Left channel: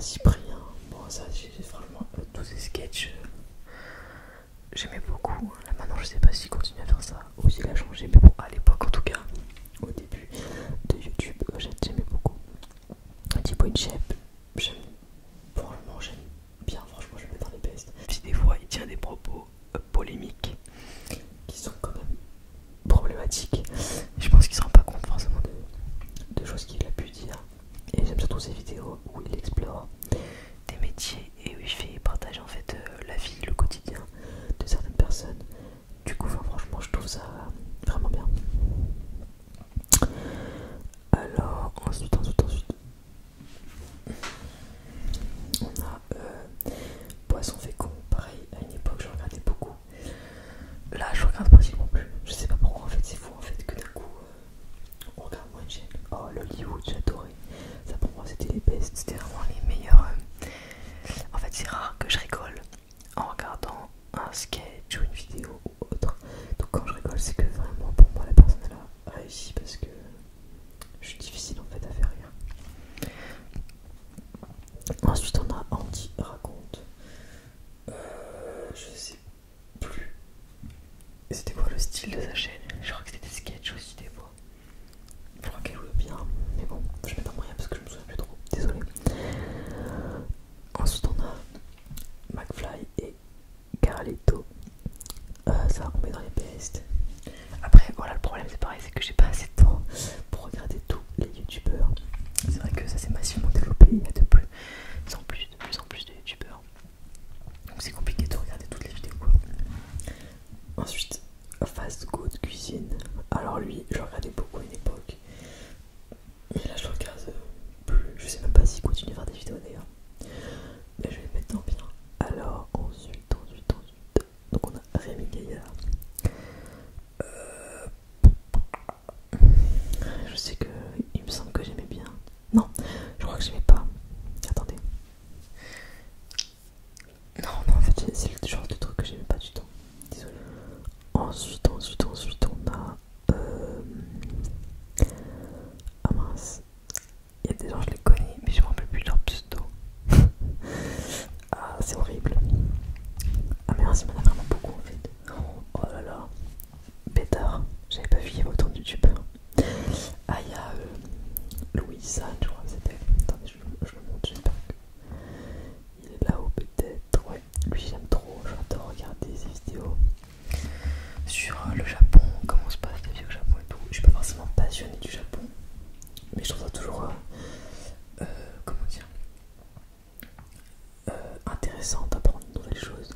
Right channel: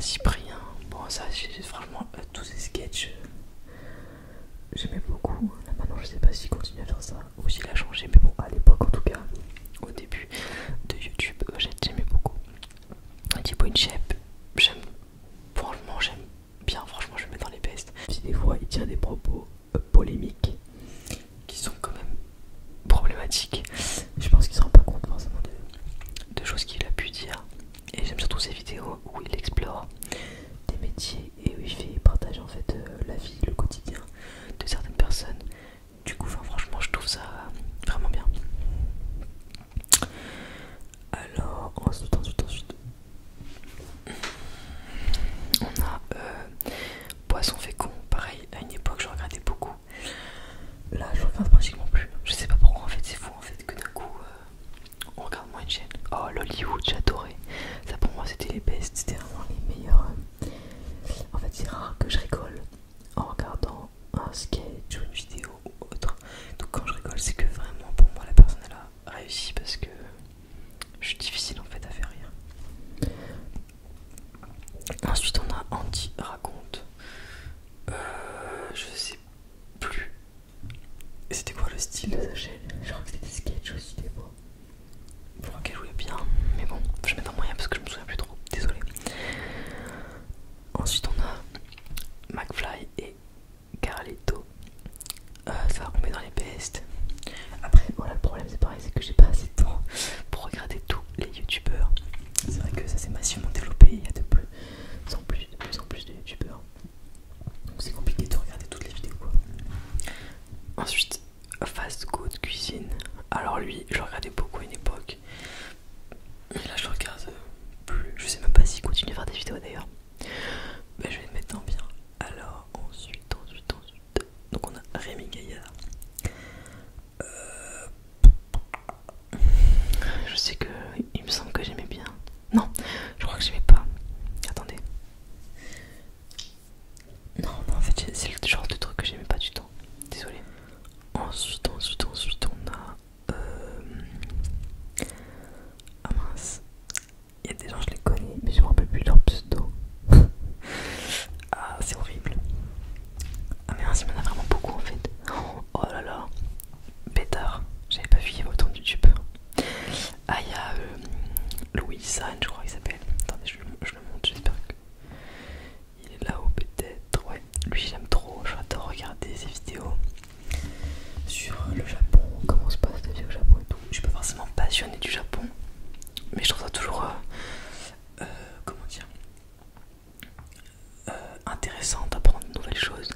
Cyprien. Bon, ça, franchement, tous ces sketchs, j'aimais beaucoup. Là, maintenant, je sais pas s'il continue à faire ça ou s'il a changé, mais bon, à l'époque, en tout cas, au début de YouTube, j'aimais beaucoup. Thibaut InShape, franchement, j'aime bien, franchement, je le mets dans les bestes. Si des fois, il tient des propos polémiques qui sont quand même problématiques, je pense qu'il se rend pas compte forcément de choses qu'il a pu dire. Et j'aime surtout ces vidéos où il explore des métiers et où il partage en fait la vie, le quotidien de certaines personnes. Du coup, franchement, je trouve ça vraiment bien. Alors, ensuite, on a Poisson fécond. Pareil, à une époque, je regardais beaucoup. Là, je regarde pratiquement plus. Je sais pas pourquoi, en fait, c'est fou en fait que d'un coup, on regarde moins une chaîne. Oh, l'Hollywood, j'adorais. Ça pour moi, c'était les best, c'était vraiment les meilleurs. En fait, c'est rare que je rigole en regardant un sketch ou une vidéo ou autre. Donc quand je rigole, c'est que vraiment pour moi la personne elle a réussi parce que je suis difficile en fait à faire rire. Ensuite on a Andy raconte. Je sais plus. C'était quoi le style de sa chaîne? Je crois que c'était des sketchs aussi des fois. Je crois qu'elle jouait bien, mais bon, je mets un moyen parce que je me souviens plus trop. Désolé. Ensuite on a McFly et Carlito. Ça on met dans les best. Après voilà, le problème c'est pareil, c'est que j'ai pas assez de temps pour regarder tous les youtubeurs. C'est vrai que ça s'est massivement développé, il y a de plus en plus de youtubeurs. Donc c'est compliqué de regarder toutes les vidéos quoi. Ensuite, Fast Good Cuisine. Alors lui, je regardais beaucoup à une époque. Et là je regarde plus. Je sais même pas s'il continue à faire des vidéos d'ailleurs. Mais je vais le mettre dans bien. Alors ensuite. Donc on a Rémi Gaillard. Je sais que il me semble que j'aimais bien. Non, je crois que j'aimais pas. Attendez. Non, en fait c'est le genre de truc que j'aimais pas du tout. Désolé. Ensuite on a ah mince. Il y a des gens je les connais mais je me rappelle plus leur pseudo. Ah c'est horrible. Ah mais mince, il y en a vraiment beaucoup en fait. Oh là là. Pétard. J'avais pas vu il y avait autant de youtubeurs. Ah il y a Louis San je crois qu'il s'appelle. Attendez je le montre, j'espère qu'il est là-haut peut-être. Ouais, lui j'aime trop, j'adore regarder ses vidéos sur le Japon, comment se passe la vie au Japon et tout. Je suis pas forcément passionné du Japon, mais je trouve ça toujours comment dire intéressant d'apprendre de nouvelles choses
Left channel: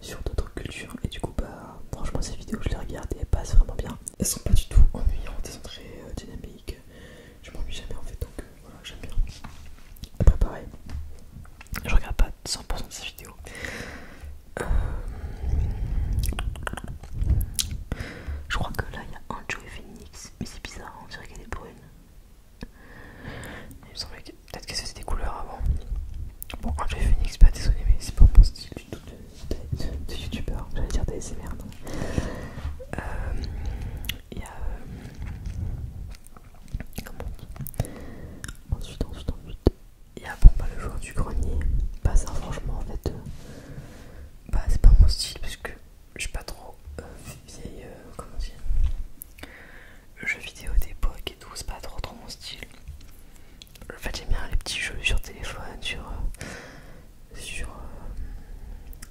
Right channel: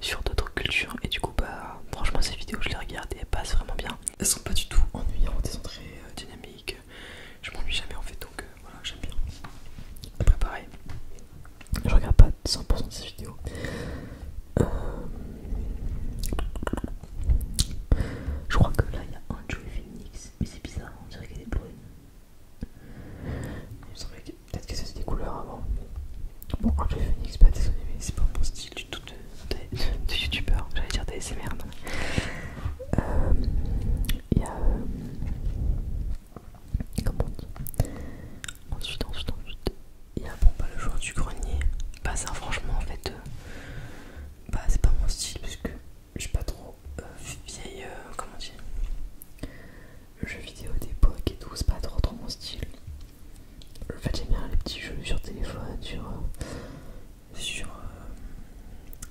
sur d'autres cultures. Et du coup bah franchement ces vidéos je les regarde et elles passent vraiment bien. Elles sont pas du tout ennuyantes, elles sont très dynamiques. Je m'ennuie jamais en fait, donc voilà, j'aime bien. Après pareil, je regarde pas 100% de ces vidéos. Je crois que là il y a un Joey Phoenix, mais c'est bizarre, on dirait qu'il est brune. Il me semblait que peut-être que c'était des couleurs avant. Bon, un Joey Phoenix, pas désolé, mais c'est pas mon style du tout de youtubeur, j'allais dire des SMR. Il y a comment on dit ensuite il y a bon bah le joueur du grenier. Bah ça franchement en fait bah c'est pas mon style parce que je suis pas trop vieille comment dire jeux vidéo d'époque et tout, c'est pas trop mon style. En fait j'aime bien les petits jeux sur téléphone, sur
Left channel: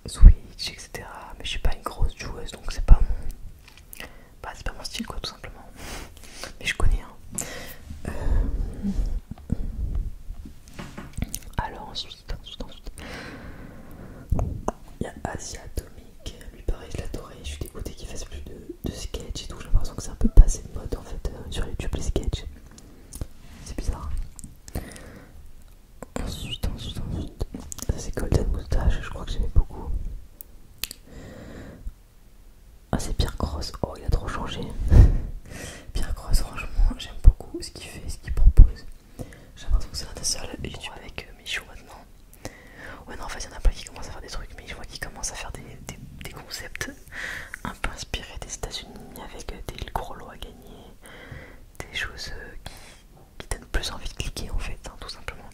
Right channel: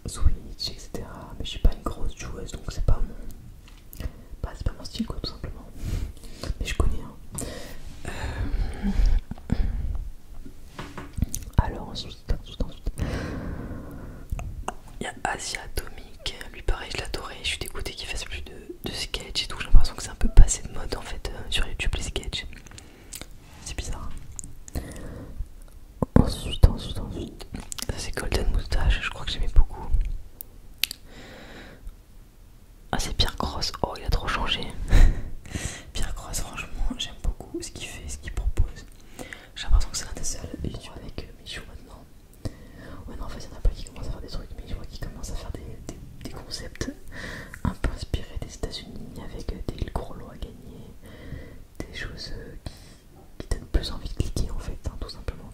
Switch etc, mais je suis pas une grosse joueuse donc c'est pas mon style quoi tout simplement. Mais je connais hein. Alors ensuite il y a Asia Atomic. Lui pareil je l'adorais, je suis dégoûtée qu'il fasse plus de sketch et tout. J'ai l'impression que c'est un peu passé de mode en fait sur YouTube les sketchs. C'est bizarre. Ensuite ça c'est Golden Moustache, je crois que j'aimais beaucoup. Ah c'est Pierre Cross, oh il a trop changé. Pierre Cross franchement j'aime beaucoup ce qu'il fait, ce qu'il propose. J'ai l'impression que c'est un des seuls youtubeurs avec Michou maintenant. Ouais non en fait il y en a plein qui commencent à faire des trucs, mais je vois qu'ils commencent à faire des concepts un peu inspirés des États-Unis avec des gros lots à gagner, des choses qui donnent plus envie de cliquer en fait, hein, tout simplement.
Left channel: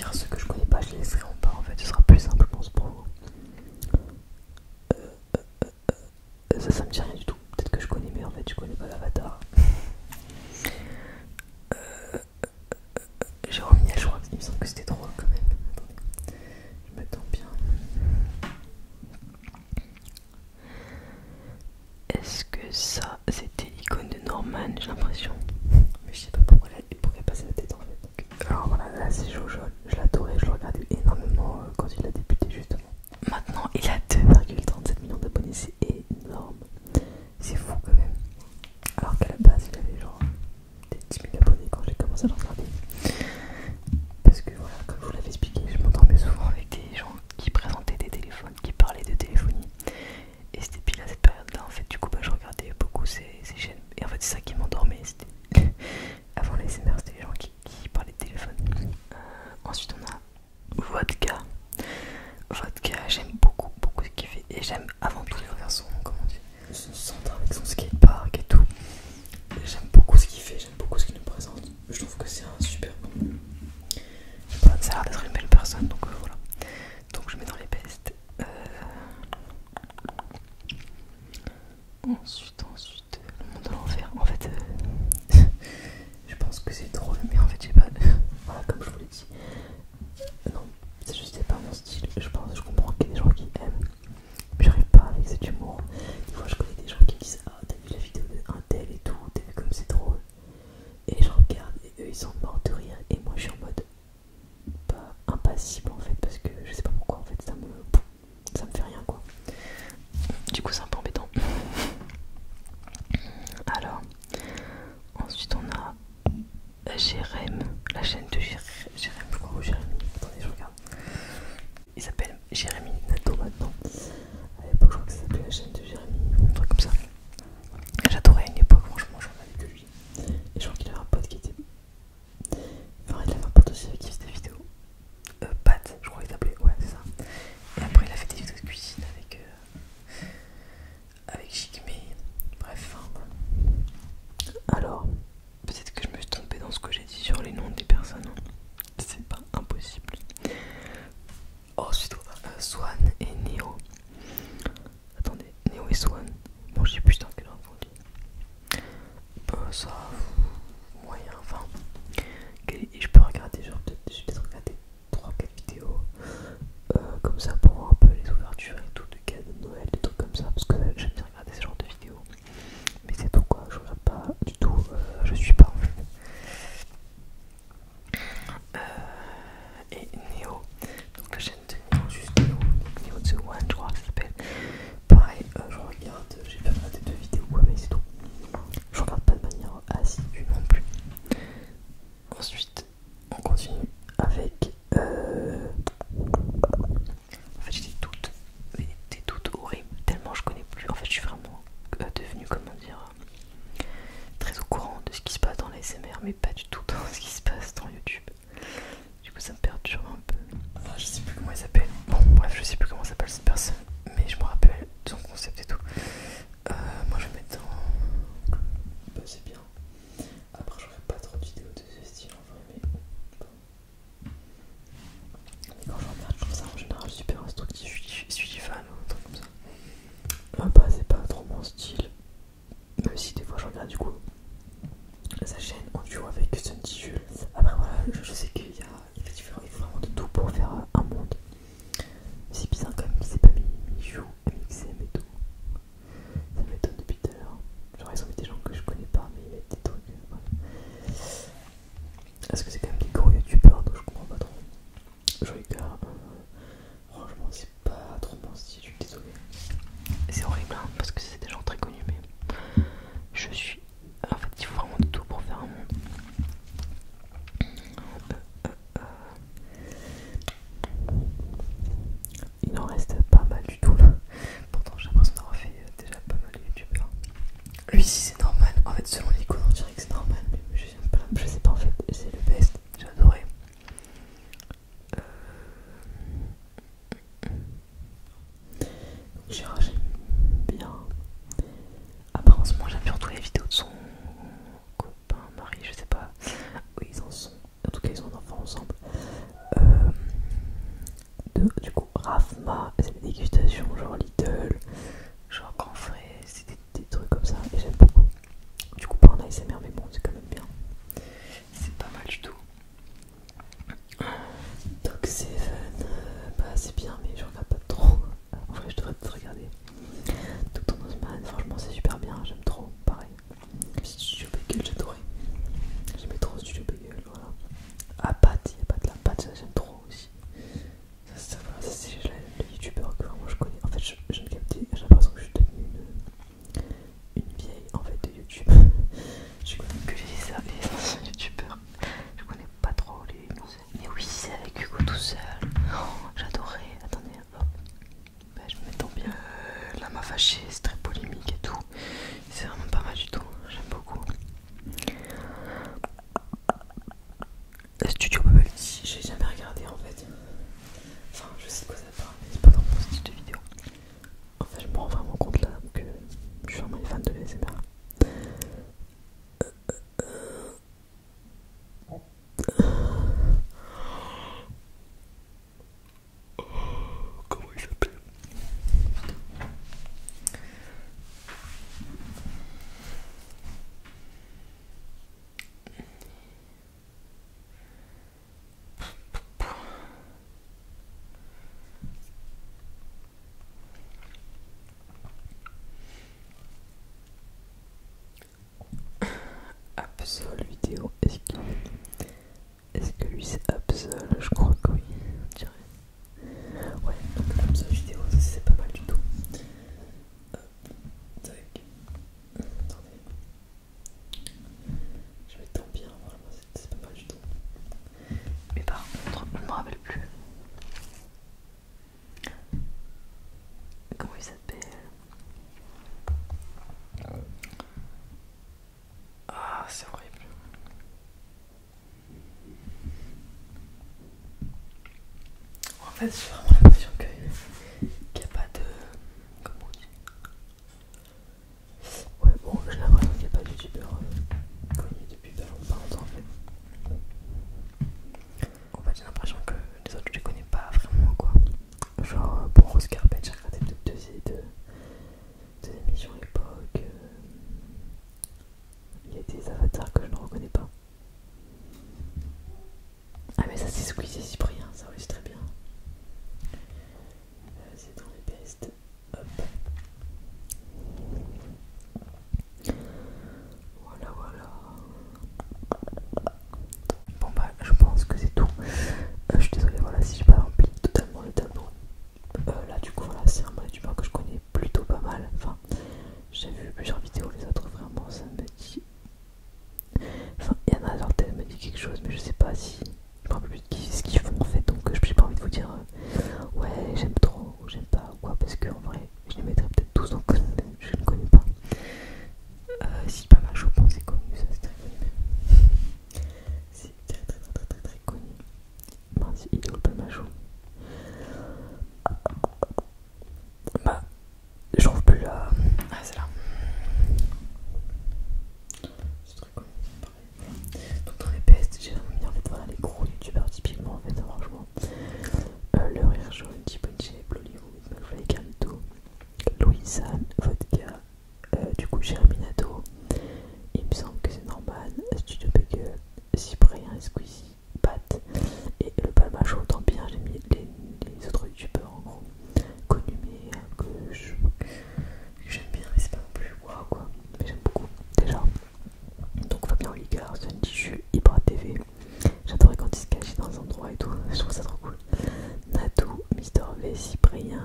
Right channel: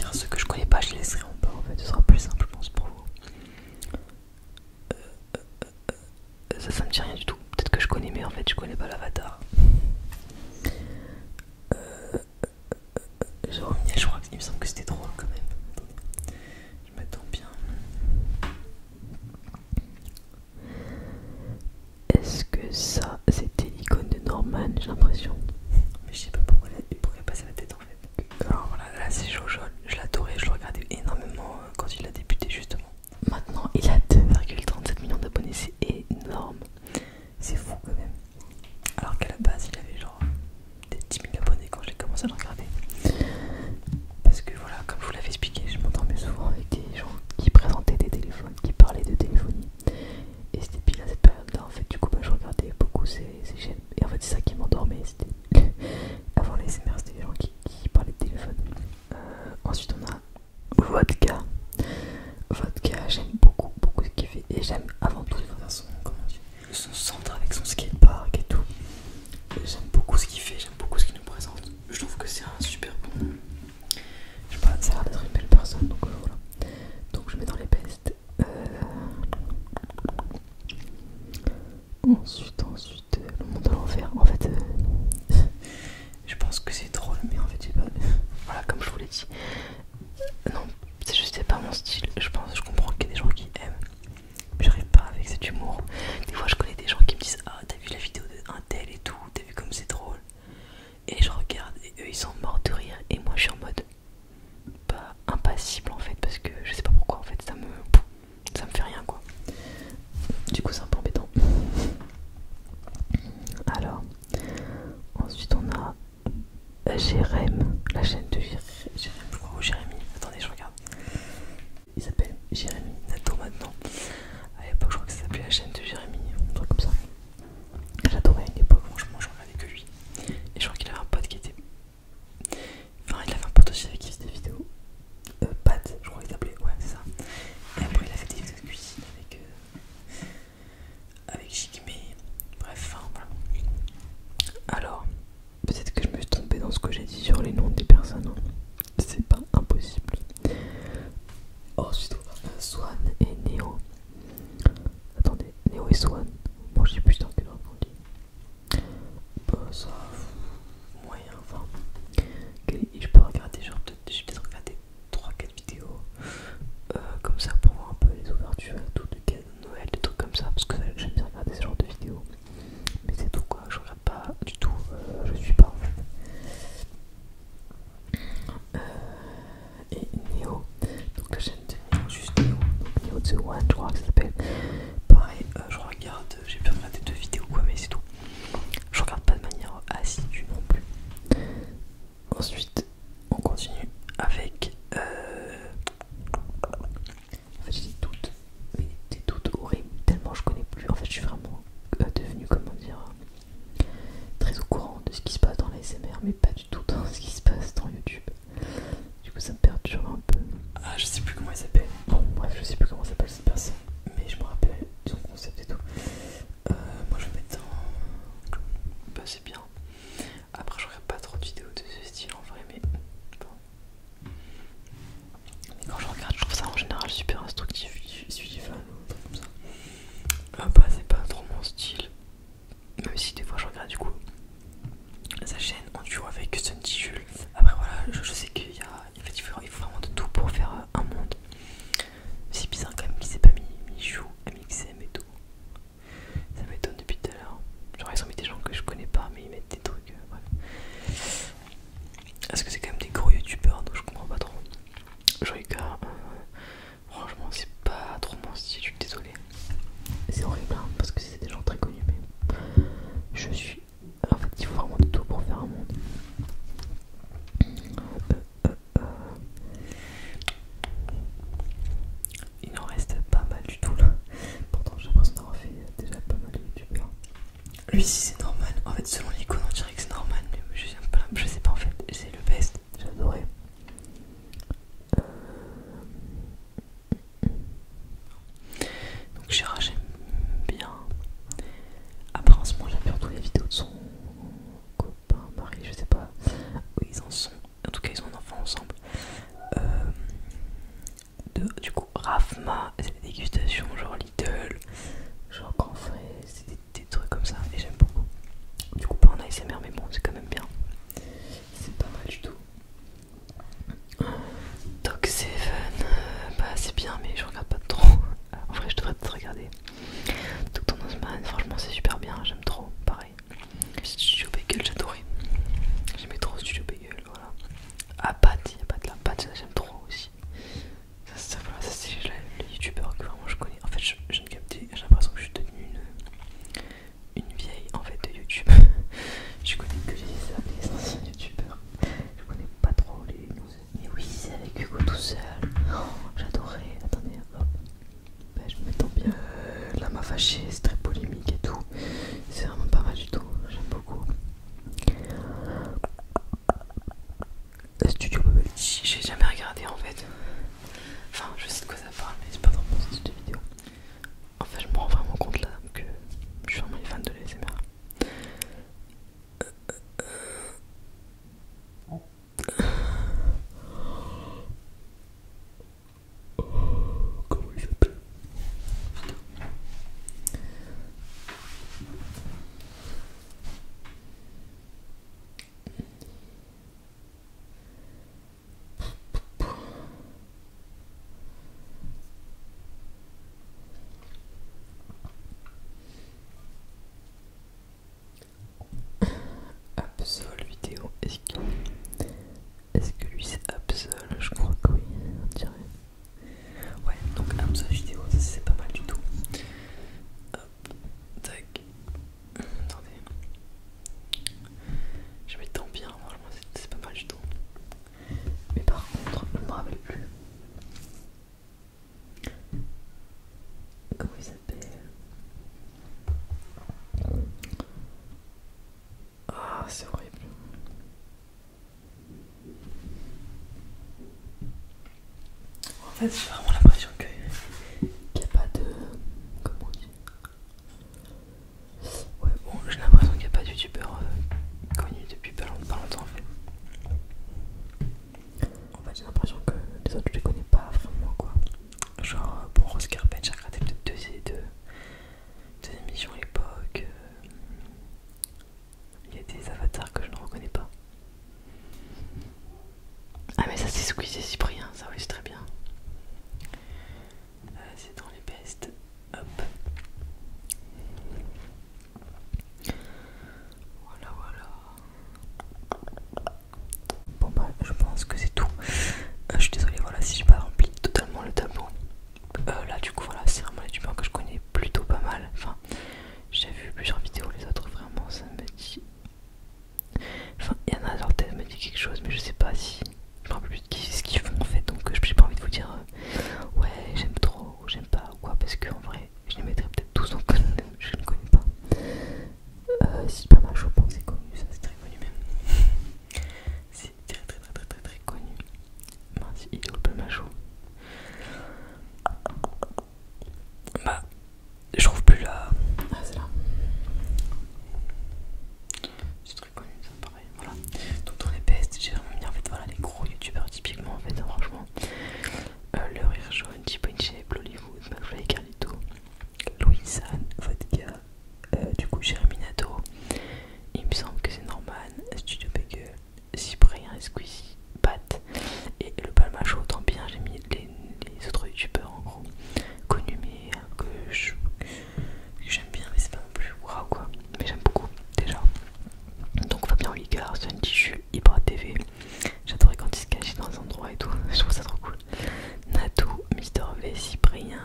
pire, ceux que je connais pas, je les laisserai en bas en fait, ce sera plus simple, je pense, pour vous. Ça me dit rien du tout. Peut-être que je connais, mais en fait, je connais pas l'avatar. Jérôme Niel, je crois qu'il me semble que c'était drôle quand même. Attendez, je m'attends bien. Est-ce que ça, c'était l'icône de Norman, j'ai l'impression. Mais je sais pas pourquoi il pourrait passer la tête en fait. Alors voilà, là c'est Jojo. Je l'adorais, je le regardais énormément quand il a débuté justement. Maintenant, il a 2,37 millions d'abonnés, c'est énorme. C'est fou quand même. Alors qu'à la base, il avait genre peut-être 10 000 abonnés quand j'ai commencé à le regarder. Parce que voilà, comme je vous l'avais expliqué, je m'entendais souvent avec des gens qui présentaient des téléphones, qui parlaient de téléphonie. Et c'était pile à cette période-là, en fait, du coup, bah, je regardais beaucoup ces chaînes. Et en fait, c'est ça qui m'endormait. Avant les SMR, c'était les gens qui parlaient de téléphone. Ensuite, on a Vodka. Vodka, j'aime beaucoup ce qu'il fait. Et j'aime avant tout faire son, comment dire, son centre avec son skatepark et tout. J'aime beaucoup ce qu'il fait, j'aime beaucoup ce qu'il nous présente. Je trouve que c'est un super bon. Je sais pas, ça a l'air d'être une belle personne, donc voilà. Donc je mets dans les bestes. Ensuite, le monde de l'enfer. En fait, je pense que c'est drôle, mais en fait, j'ai pas. Voilà, comme je vous l'ai dit. Non, c'est juste c'est pas mon style. Je comprends qu'il y a des gens qui aiment. Mais j'arrive pas avec cet humour. Des fois, je connais des gens qui me disent: ah, t'as vu la vidéo d'un tel et tout, t'as vu comme c'est drôle. Et je regarde et eux ils sont morts de rire. Et moi je suis en mode pas impassible en fait. Parce que je sais pas pourquoi en fait ça me fait rien quoi. Du coup c'est un peu embêtant. Alors, ensuite on a Jérém, la chaîne de Jérém, je crois, ou Jérémy. Attendez, je regarde. Il s'appelle Jérémy Nato maintenant. À l'époque, je crois que ça s'appelait la chaîne de Jérémy, un truc comme ça. J'adorais à une époque, franchement, je regardais que lui. Et je crois qu'il avait un pote qui était. Enfin, il avait un pote aussi avec qui faisait des vidéos. Pat, je crois qu'il s'appelait, ouais, c'est ça. Et après, il a fait des vidéos de cuisine avec Jigme. Bref, enfin, voilà. Alors, peut-être que je me suis trompé dans ce que j'ai dit sur les noms des personnes. C'est pas impossible. Ensuite, on a Swan et Neo. Attendez, Neo et Swan. Bon, je sais plus dans quel ordre on dit. Ça, moyen, enfin. Je peux regarder, genre, j'ai peut-être regardé 3-4 vidéos. Comme ça, pour voir un peu les ouvertures et tout, de cadeaux de Noël, des trucs comme ça. Parce que j'aime bien regarder ce genre de vidéos. Mais c'est tout quoi, je regarde pas du tout, je suis pas en fait. Et Neo, donc la chaîne de Neo, juste Neo, Neo The One, je crois que ça s'appelle. Pareil, je regarde, j'ai bien regardé 2 vidéos quoi, mais c'est tout. Je regarde pas de manière assidue non plus. Ensuite, on continue avec. En fait, j'ai des doutes horribles, tellement je connais plus. En fait, je suis vraiment devenu, comment dire, très au courant de ce qui se passe dans les SMR, mais pas du tout dans ce qui se passe dans YouTube. Du coup, ça me perturbe un peu. Ah, je sais plus comment il s'appelle. Bon, bref, je sais plus comment s'appelle cette personne, mais je me rappelle de son concept et tout. Moi, je vais mettre dans. Bah, c'est bien. Après, je regarde pas trop de vidéos de ce style en vrai, mais bon. Mais quand je regarde, je trouve ça en général super instructif. Je suis fan ou un truc comme ça. Ah bah, c'est pas trop mon style. Même si des fois je regarde du coup sa chaîne en duo avec Sunny Jules. Après voilà, je sais qu'il y a. En fait, il faut vraiment de tout pour faire un monde. C'est bizarre quand même qu'il s'est pas mis Michou, MXM et tout. Ça m'étonne depuis tout à l'heure. Genre ils ont mis des gens que je connais pas, mais ils mettent des trucs. Voilà. Parce que c'est quand même des gros youtubeurs, donc je comprends pas trop. Je regarde. Franchement, c'est pas trop mon style, je suis désolé. C'est horrible hein, parce que c'est des gens très connus, mais je suis. En fait, il faut vraiment de tout pour faire un monde. Il en reste pas mal du tout là. Pourtant, j'ai l'impression d'avoir fait déjà pas mal de youtubeurs. Lui, si c'est normal, en fait, selon l'icône, on dirait que c'est normal, mais je sais pas en fait, c'est le best. fait, j'ai vraiment l'impression qu'il n'y a pas de. Comment on dit? Ouais, bon, j'ai l'impression qu'il n'y a pas de youtubeur connu depuis pas longtemps en fait. En fait, j'ai l'impression que les autres je les connais pas vraiment quoi. Genre, bon, Rose Carpet, j'ai regardé peut-être deux émissions à l'époque. Il y a des avatars que je ne reconnais pas. Ah, mais ça, c'est Squeezie et Cyprien, ça oui, c'est très bien. C'est dans les bestes. Hop. Voilà, voilà. Bon, bah, je pense que c'est tout. Je suis désolée, voilà, si j'ai pas rempli totalement le tableau. Là, du coup, voilà, c'est vraiment les youtubeurs que je connais plutôt pas mal. Enfin, j'ai vu plusieurs vidéos, les autres, vraiment, ça me dit. Enfin, il y en a, leur tête me dit quelque chose, mais je sais pas si. Je me rappelle plus de ce qu'ils font en fait, donc j'ai pas envie de vous dire ouais, j'aime trop, ou j'aime pas, ou quoi, parce qu'en vrai, je les mettrais peut-être tous, donc je ne connais pas. Si, pas mal, je pense, c'est connu, ça, c'est très connu même. C'est très connu. Mince, il est au pas mal chaud. Bah, je trouve plus là. Ah, c'est là. C'est très connu, ça me paraît. Voilà. Donc, dans les bestes, j'ai vraiment mis en fait, voilà, les gros youtubeurs typiquement, en fait, hein, franchement. Le Rire Jaune, T-Punch, Hollywood, McFly, Carlito, Louisanne, Vodka, du coup, Jérémy Nato. Il me semble que c'est Norman, Studio Bagel, Cyprien, Squeezie, Pat et le Palmacho. Tant bien, j'ai mis les autres youtubeurs en gros connus, mais que j'aime bien, mais c'est pas non plus waouh quoi. Mais j'aime beaucoup déjà. Donc Fabien Oligard, Sun Tichu, Ibra TV. J'adorais quand il se cachait dans les endroits et tout, je trouve ça trop cool. Natou, Mister V, Cyprien,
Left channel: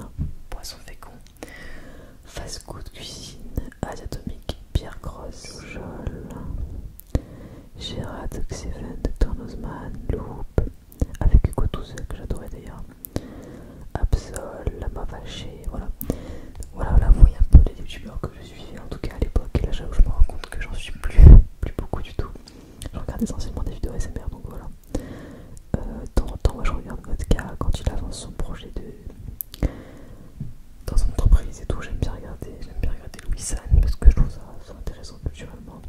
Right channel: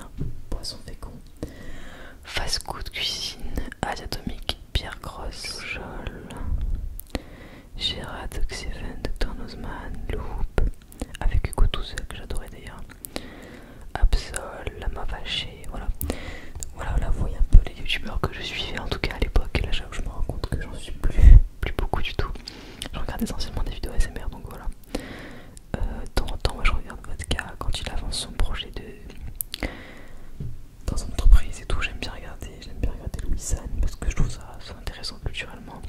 Poisson Fécond, Fast Good Cuisine, Asiatomique, Pierre Grosse, Jol, Gérard, Oxyven, Dr Nozman, Loop, avec Hugo tout seul que j'adorais d'ailleurs, Absol, Lama Vaché, voilà. Voilà, vous voyez un peu les youtubeurs que je suivais en tout cas à l'époque. Là, je me rends compte que j'en suis plus beaucoup du tout. Je regarde essentiellement des vidéos SMR, donc voilà. De temps en temps, moi, je regarde Vodka quand il avance son projet dans son entreprise et tout. J'aime bien regarder Louis San parce que je trouve ça intéressant culturellement.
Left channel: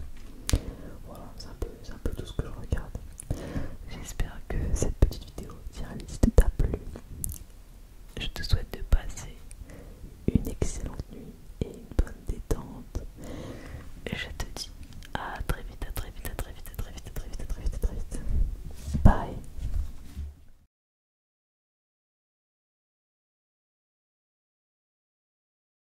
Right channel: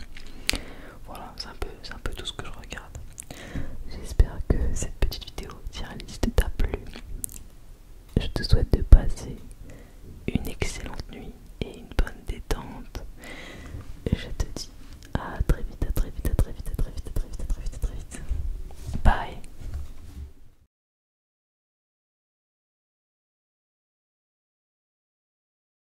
Voilà, c'est un peu tout ce que je regarde. J'espère que cette petite vidéo tiraliste t'a plu. Je te souhaite de passer une